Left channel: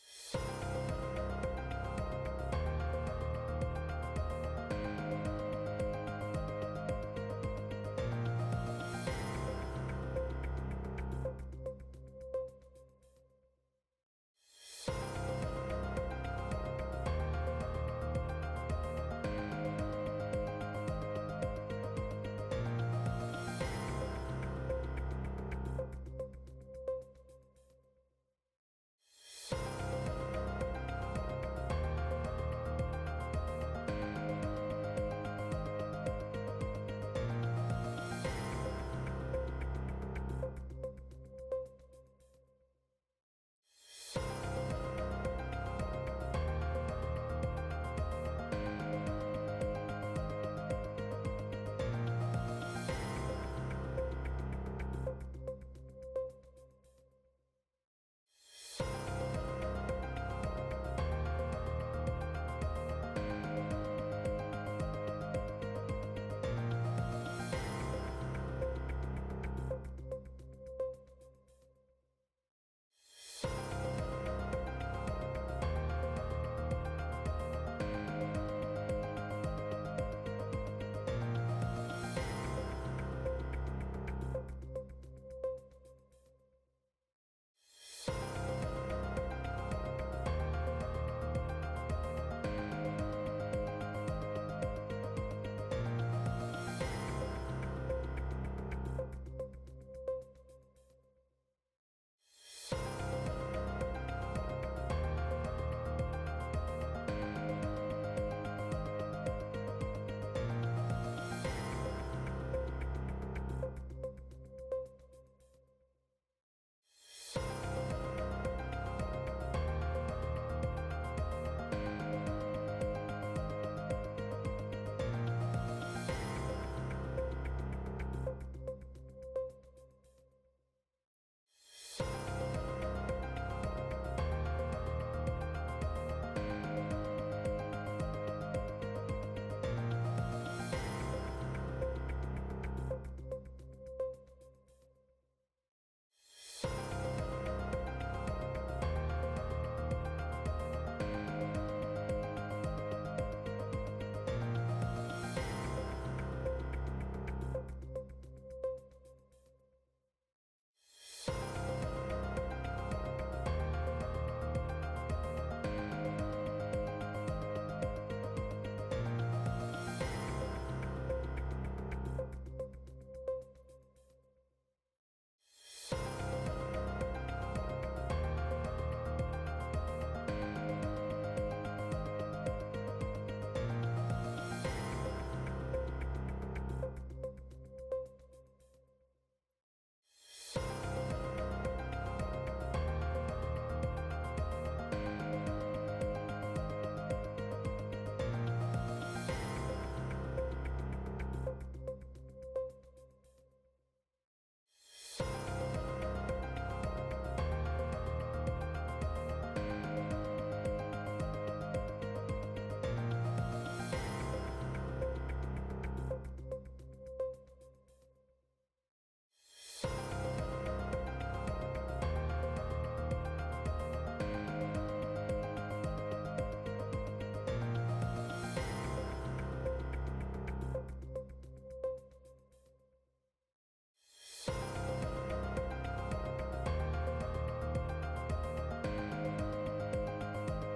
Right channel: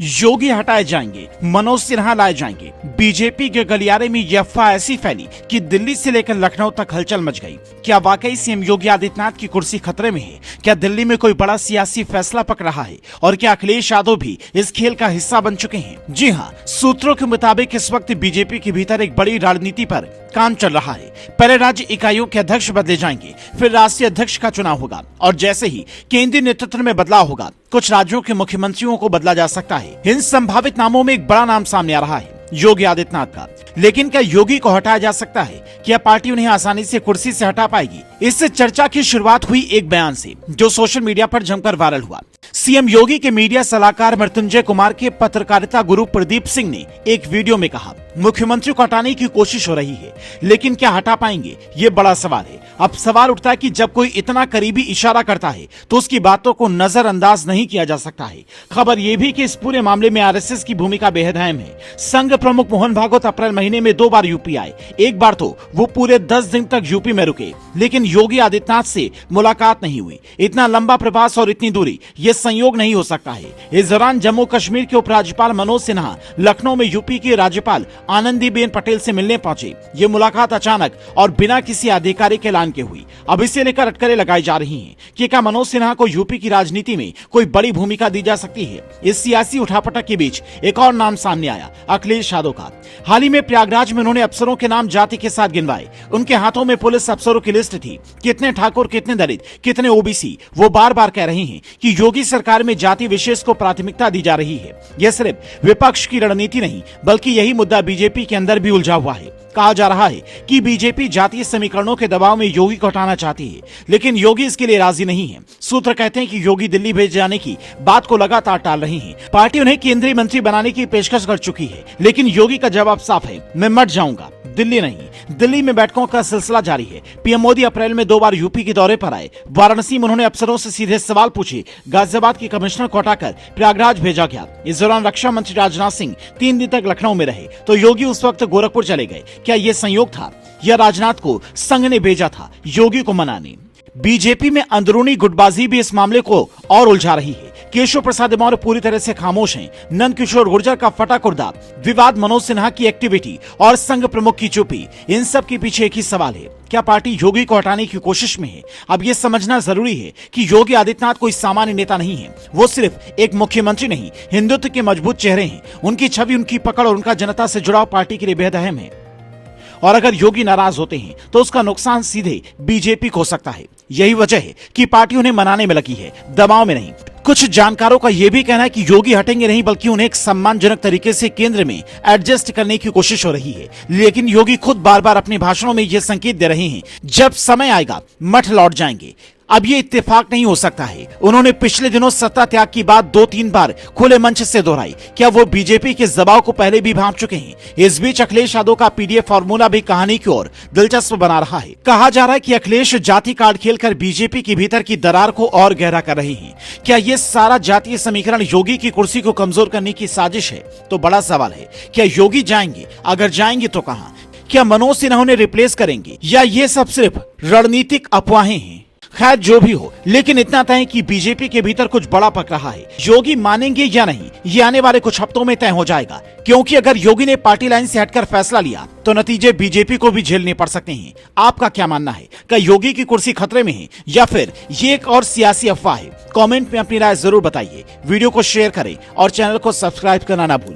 योगी हटाए जाएंगे, मनोज सिन्हा लाए जाएंगे। बीजेपी के गलियारे में यह अफवाह ऐसी फैली कि दिल्ली से लेकर लखनऊ तक हलचल मच गई। क्या वाकई सीएम योगी आदित्यनाथ की कुर्सी खतरे में है? क्या दिल्ली में कोई बड़ा सियासी फैसला पक रहा है? और क्या अखिलेश यादव भी इस खेल का हिस्सा बन चुके हैं? जी हाँ, सूत्रों के मुताबिक इस वक्त बीजेपी के भीतर एक बड़ी रणनीति पर काम चल रहा है। पहले राज्य इकाइयों के अध्यक्ष बदले जाएंगे, फिर राष्ट्रीय अध्यक्ष का चुनाव होगा और जैसे ही केंद्रीय नेतृत्व में बदलाव होगा, कुछ राज्यों के मुख्यमंत्रियों को बदला जा सकता है। इन संभावित नामों में एक बड़ा नाम सामने आ रहा है, योगी आदित्यनाथ का। लेकिन क्या योगी को हटाया जा सकता है? क्या पार्टी उन्हें आसानी से कुर्सी से हटा पाएगी? इससे चर्चा की शुरुआत हुई एक बयान से, जो सोशल मीडिया पर जमकर वायरल हुआ। सीएम योगी के मीडिया सलाहकार मृत्युंजय कुमार के पत्रकारिता गुरु प्रदीप सिंह ने एक वीडियो में कहा, मुख्यमंत्री को हटाने की कोशिश हो रही है, लेकिन क्या हटा पाएंगे? ये बड़ा सवाल है। अब सवाल उठता है कि जब कोई इतना करीबी इशारा करता है तो उसकी बातों को नजरअंदाज नहीं किया जा सकता है। खबर यह भी कि इस पूरे मामले में आरएसएस की भूमिका बेहद अहम है। संघ प्रमुख मोहन भागवत अप्रैल महीने में 2 बार यूपी आए। एक बार तो वो पूरे 10 दिन तक यूपी में रुके, लेकिन योगी आदित्यनाथ से मुलाकात नहीं हुई। इतना लंबा प्रवास और इतनी दूरी, ये संयोग नहीं हो सकता है। इस दौरान जम्मू कश्मीर के उपराज्यपाल मनोज सिन्हा लखनऊ में यूपी के राज्यपाल आनंदीबेन पटेल से मिलने पहुंचे। ये मुलाकात अचानक और बिना किसी आधिकारिक ऐलान के हुई। अब इसे लेकर अटकलें लगाई जा रही हैं कि क्या मनोज सिन्हा को यूपी की राजनीति में कोई बड़ी भूमिका दी जा सकती है। इस सियासी उठापटक के बीच एक और नाम सामने आया, अखिलेश यादव का। हाल ही में प्रयागराज में उन्होंने अफसरों के नाम जाति के साथ गिनवाए। उनके हाथों में पुलिस अफसरों की लिस्ट थी, कितने ठाकुर, कितने दलित, कितने ओबीसी। वो बार बार कह रहे हैं कि योगी सरकार में जाति विशेष को प्राथमिकता दी जा रही है। यह सिर्फ विपक्ष की रणनीति नहीं, बल्कि यही मुद्दा बीजेपी के अंदर भी उलझा हुआ है। कहा जा रहा है कि बीजेपी जातीय समीकरणों के दबाव में योगी को हटाना चाहती है, लेकिन योगी इसके लिए राजी नहीं है। सूत्र कहते हैं कि योगी दिल्ली भेजे जाने की बात को लगातार टाल रही है। पार्टी उन्हें केंद्रीय मंत्री बनाने की पेशकश कर चुकी है, लेकिन योगी का जवाब साफ है, मैं मट जाऊंगा, दिल्ली नहीं। दिल्ली में बैठकों का सिलसिला जारी है। पीएम मोदी अप्रैल में 2 बार यूपी के दौरे पर आए। वाराणसी में उन्होंने अफसरों से सीधे सवाल पूछे। गाजियाबाद के कमिश्नर को हटाकर प्रयागराज भेजा गया। इस दौरान रक्षा मंत्री राजनाथ सिंह 3 दिन तक लखनऊ में रहे, तो योगी उस वक्त गोरखपुर चले गए। क्या ये संयोग था या राजनाथ को संघ ने भेजा था योगी को मनाने? बीजेपी में अंदरूनी गुटबाजी भी इस मामले को और उलझा रही है। केशव प्रसाद मौर्य पूरी तरह से खामोश हैं। नंद किशोर गुर्जर का फटा कुर्दा विवाद, मनोज सिन्हा की एक्टिविटी और संघ प्रमुख की चुप्पी, इन सब के पीछे एक ही सवाल है, क्या पार्टी योगी को हटाने की कोशिश में है? अब ये समझना जरूरी है कि योगी आदित्यनाथ कोई सामान्य नेता नहीं है। वो सिर्फ एक मुख्यमंत्री नहीं, हिंदुत्व के मजबूत चेहरे हैं। उनकी छवि, उनकी पकड़ और उनका जनता से जुड़ाव पार्टी के लिए बेहद अहम है। और अगर योगी नाराज होते हैं तो उसका नुकसान सीधे बीजेपी को हो सकता है। यही वजह है कि पार्टी उन्हें मनाने में लगी है, दबाव में नहीं। कुछ जानकारों का यह भी कहना है कि योगी हटेंगे नहीं, बल्कि उन्हें एक सम्मानजनक तरीके से केंद्र में एडजस्ट करने की कोशिश हो रही है। लेकिन योगी खुद बार बार अपने भाषणों में यह संकेत दे रहे हैं, जब समय आएगा मठ लौट जाएंगे। अब ये इत्तेफाक नहीं हो सकता है। उन्होंने पिछले दिनों सत्ता त्याग की बात 2-3 बार खुले मंच से दोहराई। क्या वो बीजेपी के दबाव को पहले भी भांप चुके हैं? इस बीच अखिलेश यादव का पीडीएफ फॉर्मूला भी कहानी की ओर दिलचस्प बना रहा है। कहा जा रहा है कि अखिलेश जाति कार्ड खेलकर बीजेपी के भीतर की दरार को और गहरा कर रहे हैं। क्या ये सारा जातीय समीकरण योगी की कुर्सी को कमजोर करने की साजिश है? तो बड़ा सवाल है, क्या योगी जाएंगे? अगर जाएंगे तो कहां? क्या मनोज सिन्हा उन्हें रिप्लेस करेंगे, या ये सब सिर्फ रणनीतिक अफवाहें हैं? खैर जो भी हो, लेकिन इतना तय है कि बीजेपी के भीतर कुछ बड़ा पक रहा है। योगी मानेंगे या नहीं, ये आने वाले कुछ हफ्तों में तय हो जाएगा। क्योंकि अगर योगी ने पार्टी लाइन से हटकर फैसला लिया तो नतीजे बीजेपी को भी झेलने पड़ सकते हैं। आपका क्या मानना है? क्या योगी की कुर्सी खतरे में है या फिर ये एक और सियासी अफवाह है? कमेंट में अपनी राय जरूर बताइए। वीडियो को शेयर करें और चैनल को सब्सक्राइब करना ना भूलें।